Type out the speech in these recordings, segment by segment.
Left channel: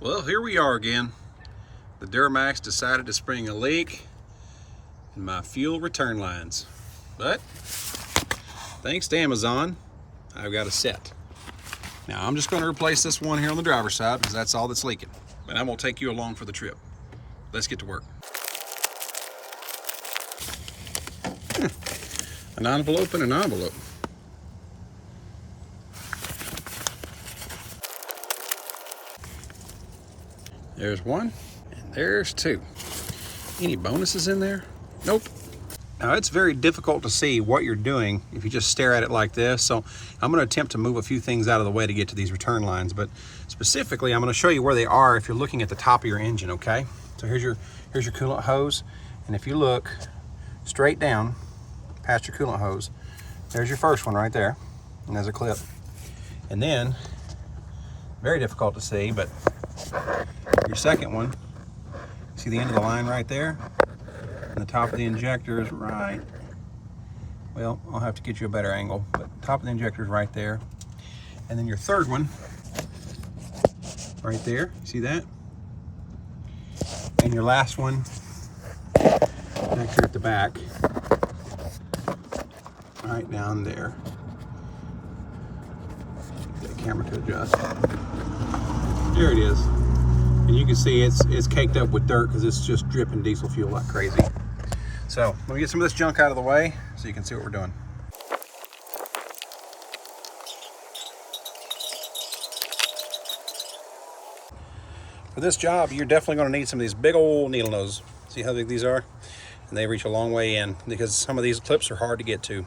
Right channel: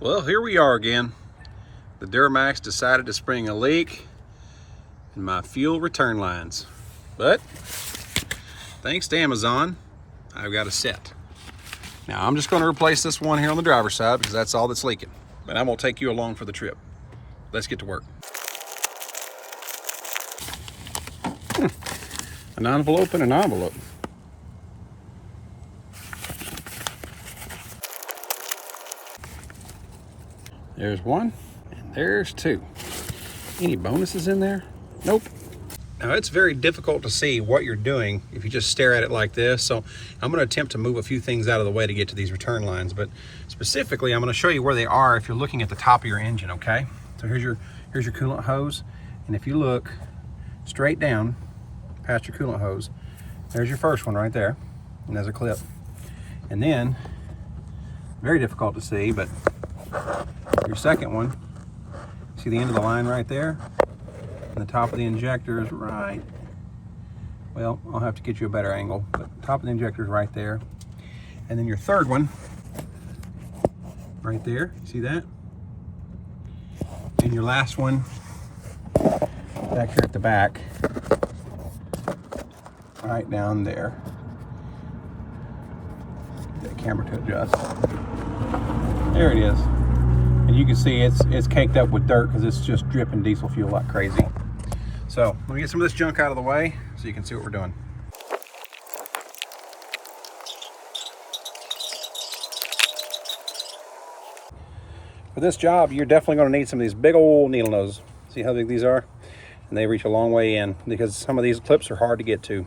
Well, here we are again. The Duramax decided to spring a leak in my fuel return lines. But thanks to Amazon, I've got a set. Now I'm just going to replace this one here on the driver's side because that's all that's leaking. But I'm going to take you along for the trip. Let's get to work. An envelope and an envelope. There's one, and there's two. Any bonuses in there? Nope. Now it's very difficult to see what you're doing if you just stare at it like this. So I'm gonna attempt to move a few things out of the way to get to these return lines, but specifically I'm gonna show you where they are if you're looking at the top of your engine, okay? So here's your coolant hose, and if you look straight down past your coolant hose, there's your first one right there, and there's a clip. And then, very difficult to see, but your second one, see the end of the line right there? And the top of the injector is right, well, I'll have to get you a better angle, but top of the injector is right there. And then your third one, right there, see that? And your last one, back here at the back, right down there. Get the camera to adjust. There it is. And you can see it's caked up with dirt because it's just dripping diesel fuel like crazy. So let me get some of this junk out of the way so you can see what we're doing. For this job, you're definitely going to need some of these big old needle nose. See how big these are? And they reach a long way in because some of these clips are hard to get to.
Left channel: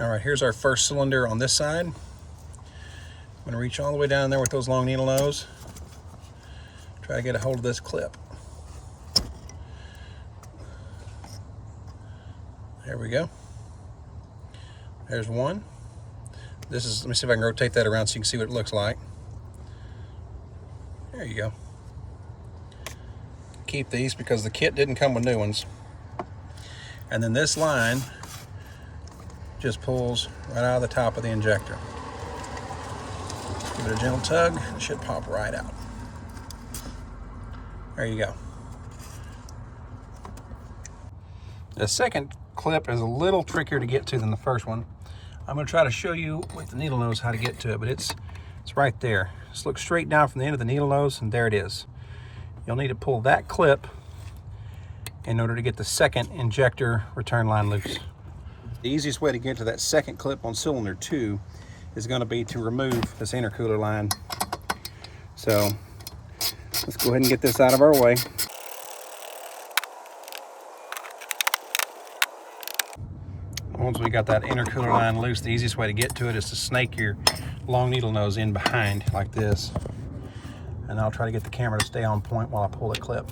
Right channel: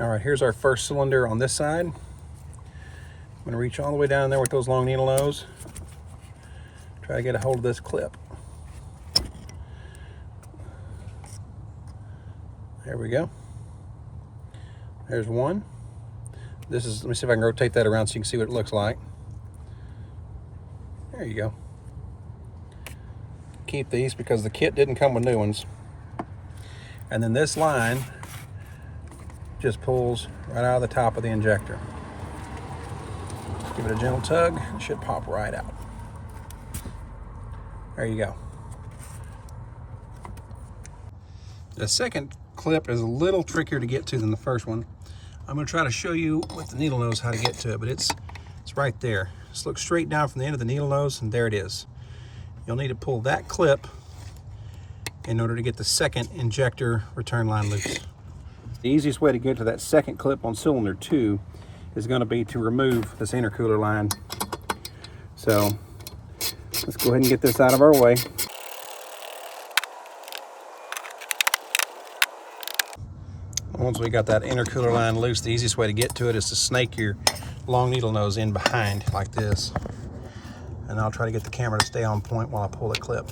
All right, here's our first cylinder on this side. I'm going to reach all the way down there with those long needle nose. Try to get a hold of this clip. There we go. There's one. This is, let me see if I can rotate that around so you can see what it looks like. There you go. Keep these because the kit didn't come with new ones. And then this line just pulls right out of the top of the injector. Give it a gentle tug, it should pop right out. There you go. The second clip is a little trickier to get to than the first one. I'm going to try to show you with the needle nose how to get to it, but it's right there. Just look straight down from the end of the needle nose, and there it is. You'll need to pull that clip in order to get the second injector return line loose. The easiest way to get to that second clip on cylinder 2 is going to be to remove this intercooler line. So let's go ahead and get this out of our way. Once we got that intercooler line loose, the easiest way to get to it is to snake your long needle nose in behind like this. And I'll try to get the camera to stay on point while I pull the clip.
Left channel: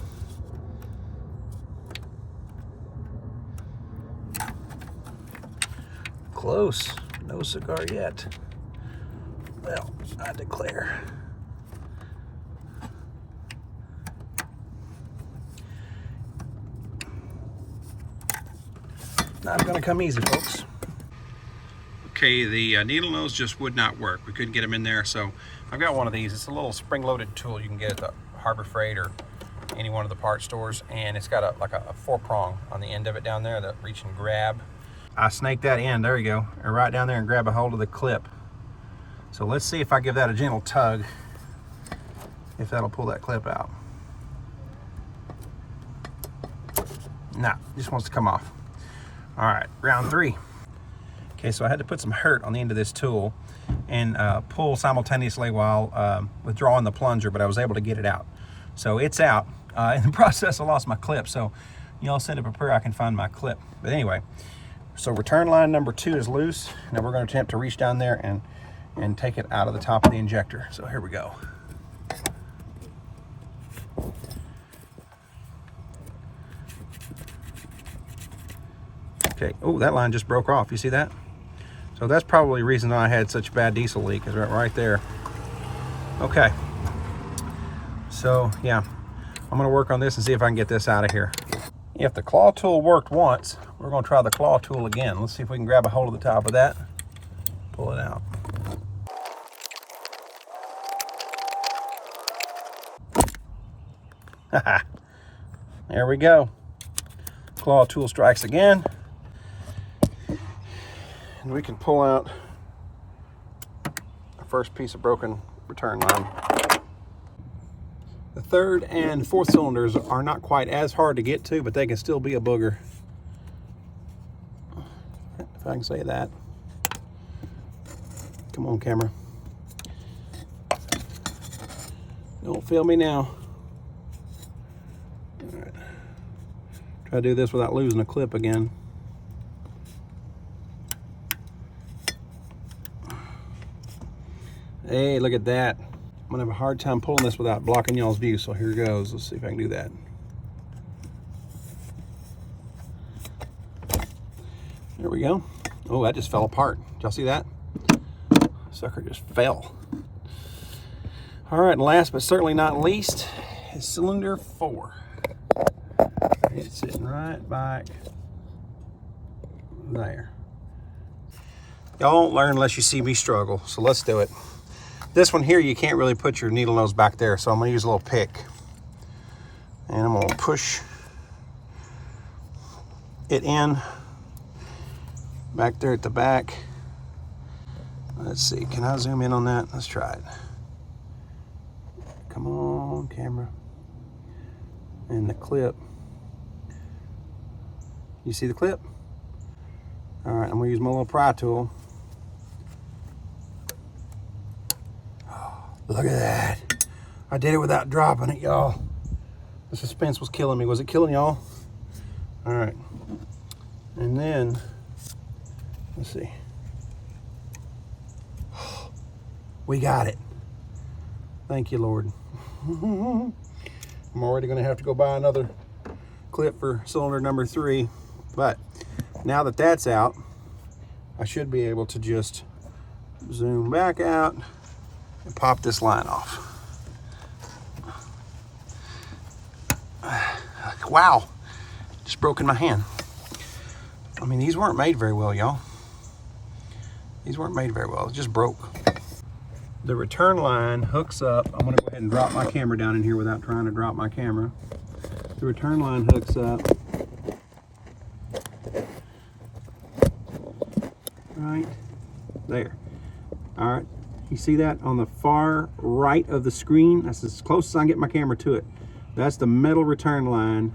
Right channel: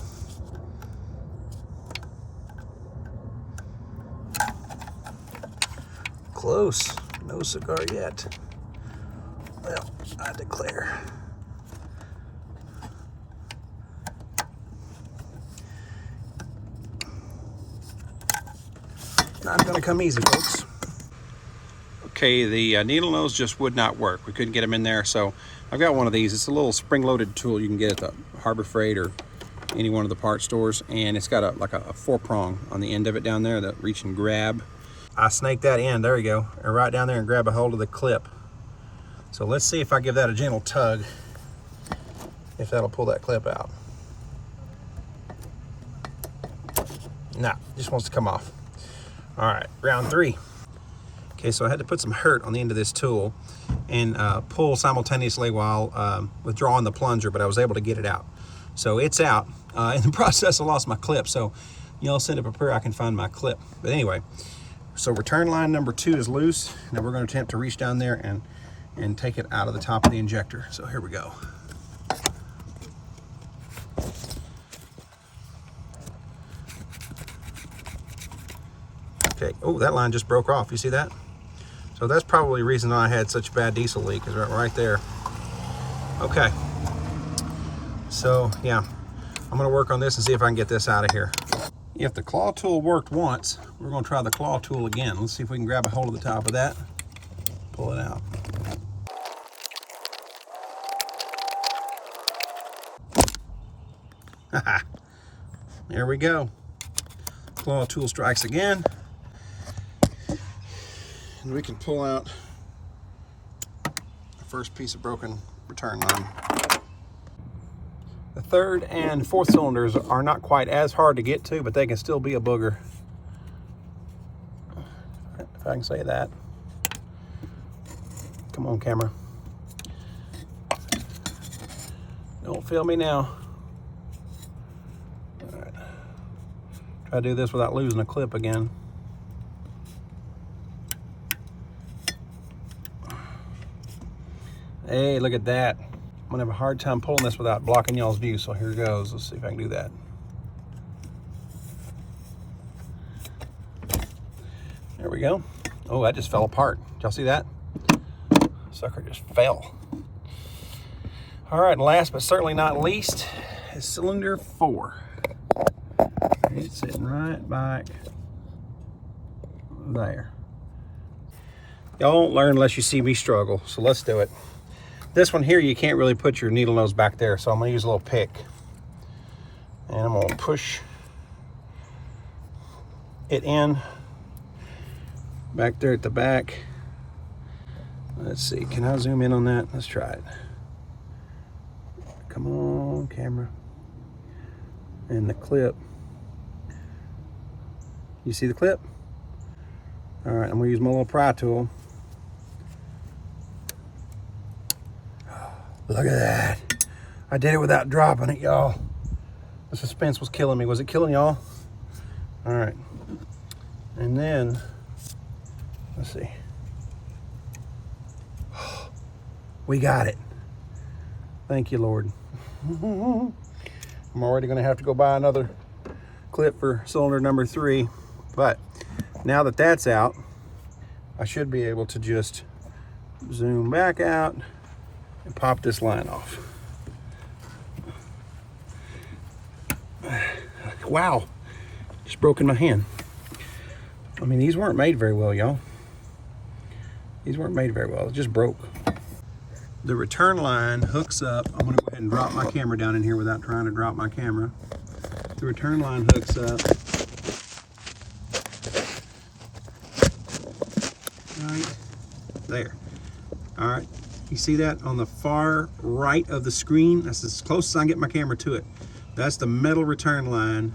Close, no cigar yet. Well, I declare. Not gonna come easy, folks. Okay, the needle nose just would not work. We couldn't get them in there, so I've got one of these. It's a little spring-loaded tool you can get at the Harbor Freight or any one of the parts stores, and it's got like a 4-prong on the end of it down there that reach and grab. I snake that in, there you go, and right down there and grab a hold of the clip. So let's see if I give that a gentle tug, if that'll pull that clip out. Nah, just wants to come off. All right, round 3. Okay, so I had to put some hurt on the end of this tool and pull simultaneously while withdrawing the plunger, but I was able to get it out. So it's out. In the process, I lost my clip, so y'all send up a prayer I can find my clip. But anyway, so return line number 2 is loose. Now we're going to attempt to reach down there and take it out of the top of the injector. So here we go. Okay, oh, that line just broke off, you see that? So that's probably the reason I had such a bad diesel leak, is right there. Okay, so yeah, I'm gonna work on this and see if I can get this out of here. If the claw tool worked once, we're gonna try the claw tool again. Let's see if we can grab a hold of the top of that, pull it out. There we go. Claw tool strikes again. And we can pull out the first piece of broken return line. The third and fourth cylinders are not quite as hard to get to, but they can still be a booger. If I can say that. Come on, camera. Don't feel me now. All right. Try to do this without losing a clip again. Hey, look at that. I'm gonna have a hard time pulling this without blocking y'all's view, so here goes. Let's see if I can do that. There we go. Oh, that just fell apart. Did y'all see that? Sucker just fell. All right, last but certainly not least is cylinder 4. It's sitting right back there. Y'all won't learn unless you see me struggle, so let's do it. This one here, you can't really put your needle nose back there, so I'm gonna use a little pick. And I'm gonna push it in back there at the back. Let's see, can I zoom in on that? Let's try it. Come on, camera. And the clip. You see the clip? All right, I'm gonna use my little pry tool. Look at that. I did it without dropping it, y'all. The suspense was killing me. Was it killing y'all? All right. And then, let's see. We got it. Thank you, Lord. I'm already gonna have to go buy another clip for cylinder number 3. But now that that's out, I should be able to just zoom back out and pop this line off. Wow, just broke in my hand. I mean, these weren't made very well, y'all. These weren't made very well, it just broke. The return line hooks up. I'm gonna go ahead and drop my camera down in here without trying to drop my camera. The return line hooks up right there. All right. You see that on the far right of the screen? That's as close as I can get my camera to it. That's the metal return line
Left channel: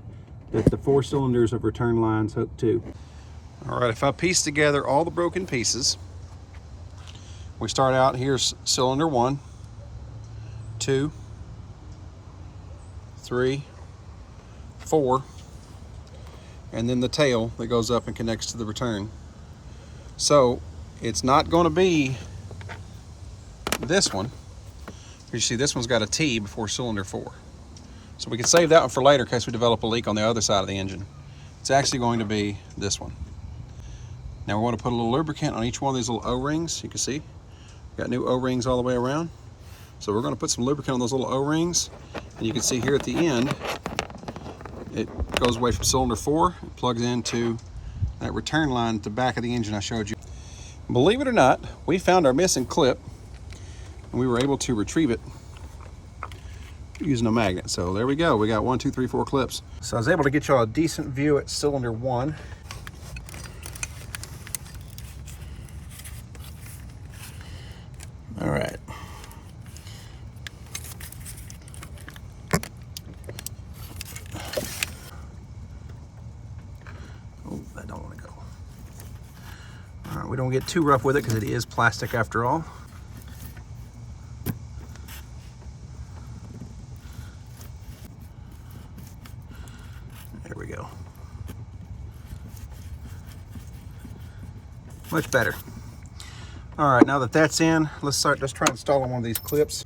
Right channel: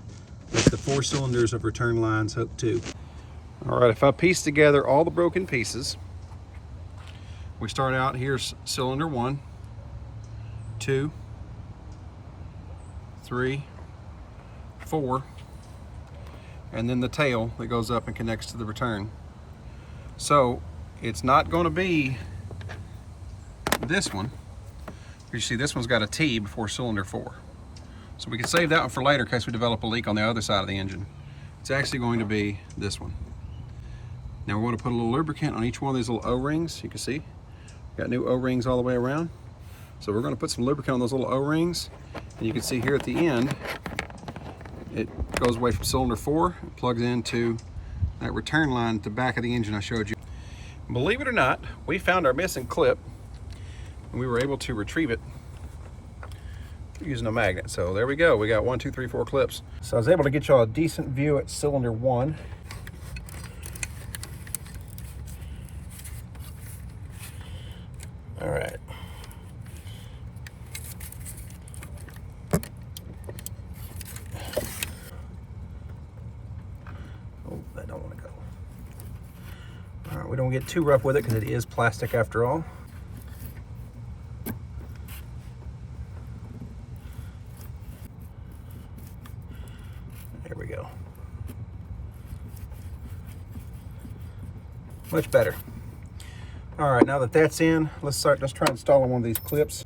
with the 4 cylinders of return lines hooked to. All right, if I piece together all the broken pieces, we start out, here's cylinder 1, 2, 3, 4, and then the tail that goes up and connects to the return. So it's not going to be this one. You see this one's got a T before cylinder 4. So we can save that one for later in case we develop a leak on the other side of the engine. It's actually going to be this one. Now we're going to put a little lubricant on each one of these little O-rings. You can see, got new O-rings all the way around. So we're going to put some lubricant on those little O-rings. And you can see here at the end, it goes away from cylinder 4, it plugs into that return line at the back of the engine I showed you. Believe it or not, we found our missing clip and we were able to retrieve it using a magnet. So there we go. We got 1, 2, 3, 4 clips. So I was able to get y'all a decent view at cylinder 1. All right. Oh, I don't want to go. All right, we don't get too rough with it because it is plastic after all. There we go. Much better. All right, now that that's in, let's try installing one of these clips.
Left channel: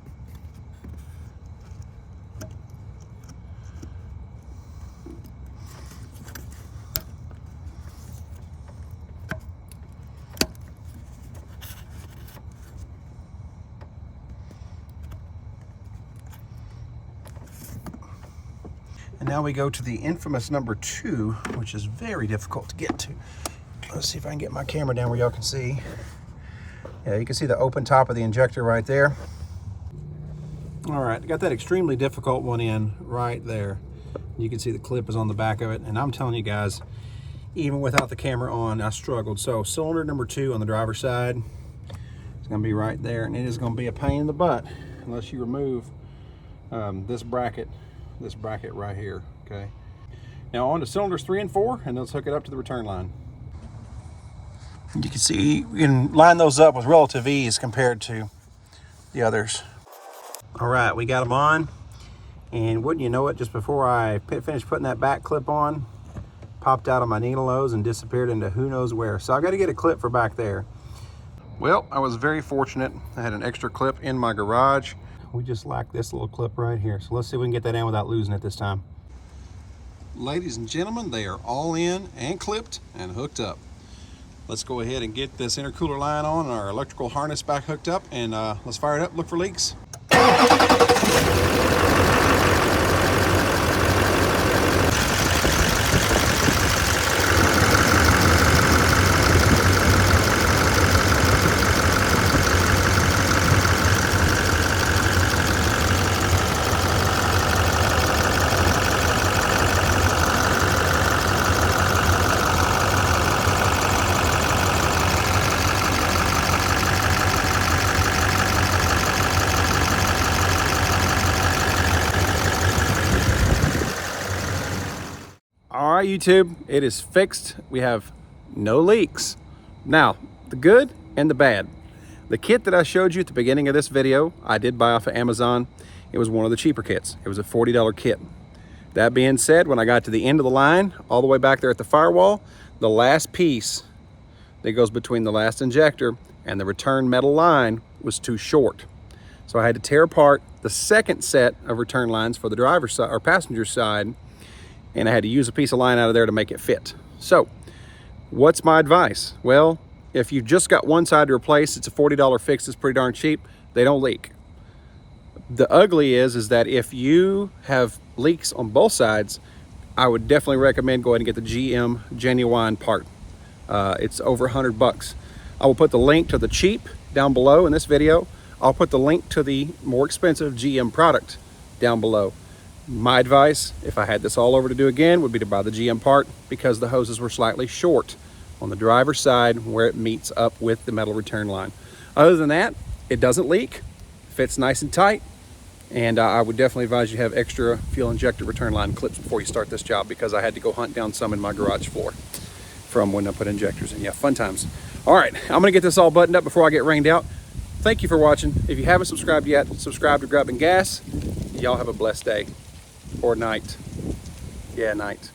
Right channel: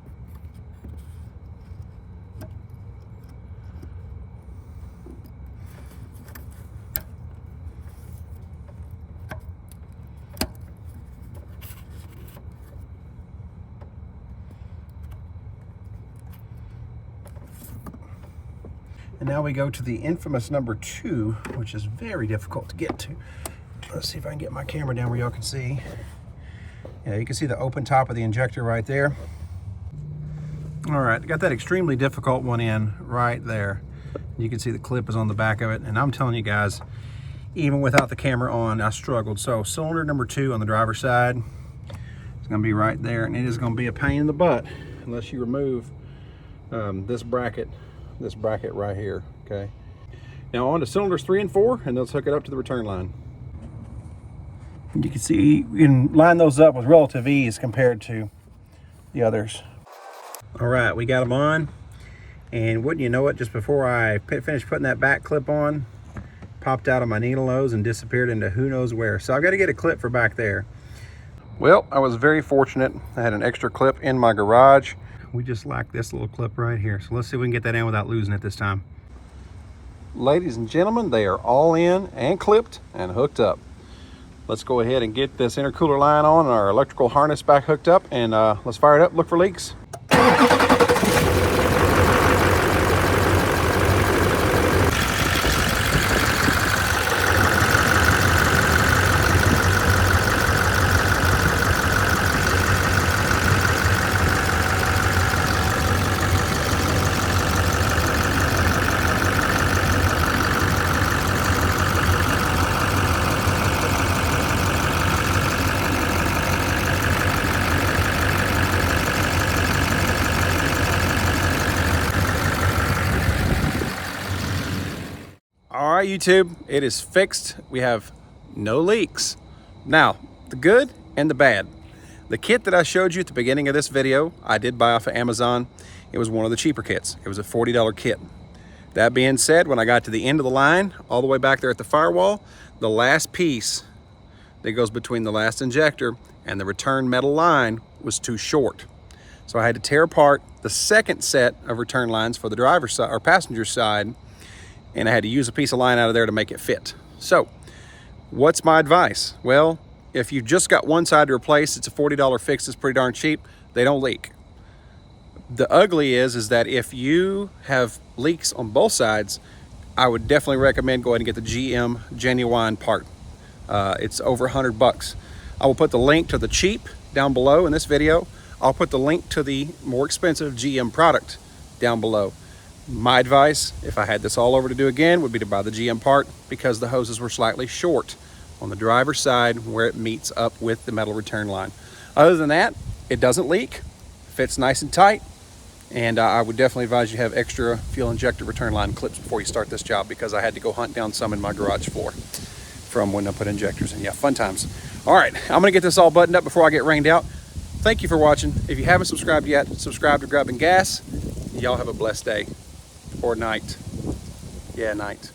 And now we go to the infamous number 2, which is very difficult to get to. Let's see if I can get my camera down where y'all can see. Yeah, you can see the open top of the injector right there. All right, got that extremely difficult one in right there. You can see the clip is on the back of it, and I'm telling you guys, even without the camera on, I struggled. So cylinder number 2 on the driver's side is gonna be right there, and it is gonna be a pain in the butt unless you remove this bracket right here, okay? Now on to cylinders 3 and 4, and let's hook it up to the return line. You can see you can line those up with relative ease compared to the others. All right, we got them on, and wouldn't you know it, just before I finished putting that back clip on, popped out of my needle nose and disappeared into who knows where. So I've got to get a clip for back there. Well, I was very fortunate. I had an extra clip in my garage. We just lacked this little clip right here. So let's see if we can get that in without losing it this time. Ladies and gentlemen, they are all in and clipped and hooked up. Let's go ahead and get this intercooler line on and our electrical harness back hooked up, and let's fire it up, look for leaks. All right, YouTube, it is fixed. We have no leaks. Now, the good and the bad. The kit that I showed you at the beginning of this video, I did buy off of Amazon. It was one of the cheaper kits. It was a $40 kit. That being said, when I got to the end of the line, all the way back there at the firewall, the last piece that goes between the last injector and the return metal line was too short. So I had to tear apart the second set of return lines for the driver's side or passenger side, and I had to use a piece of line out of there to make it fit. So what's my advice? Well, if you've just got one side to replace, it's a $40 fix, it's pretty darn cheap, they don't leak. The ugly is that if you have leaks on both sides, I would definitely recommend go ahead and get the GM genuine part. It's over 100 bucks. I will put the link to the cheap down below in this video. I'll put the link to the more expensive GM product down below. My advice, if I had this all over to do again, would be to buy the GM part, because the hoses were slightly short on the driver's side where it meets up with the metal return line. Other than that, it doesn't leak, fits nice and tight, and I would definitely advise you have extra fuel injector return line clips before you start this job, because I had to go hunt down some in my garage floor from when I put injectors in. Yeah, fun times. All right, I'm gonna get this all buttoned up before I get rained out. Thank you for watching. If you haven't subscribed yet, subscribe to Grubbing Gas. Y'all have a blessed day. Or night. Yeah, night.